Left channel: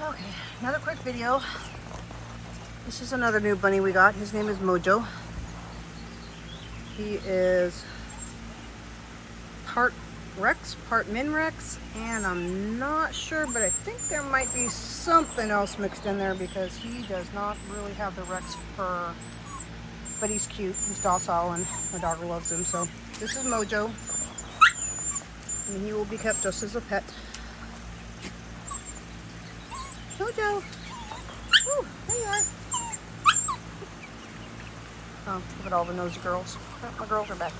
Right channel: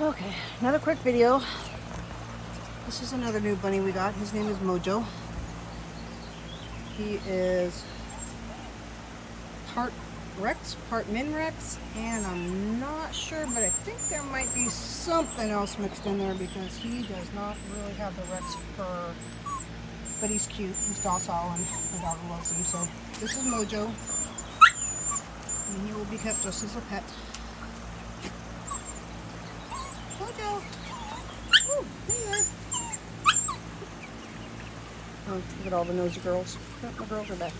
Okay, another quick video. This is another new bunny we got. His name is Mojo. He is part Rex, part Min Rex, and I'm not sure, but I think there might be something else mixed in there because he does not really have the Rex fur. But he's cute, he's docile, and my daughter loves him. So this is Mojo, and he will be kept just as a pet. Mojo! Woo, there you are. Oh, look at all the nosy girls. My girls are back.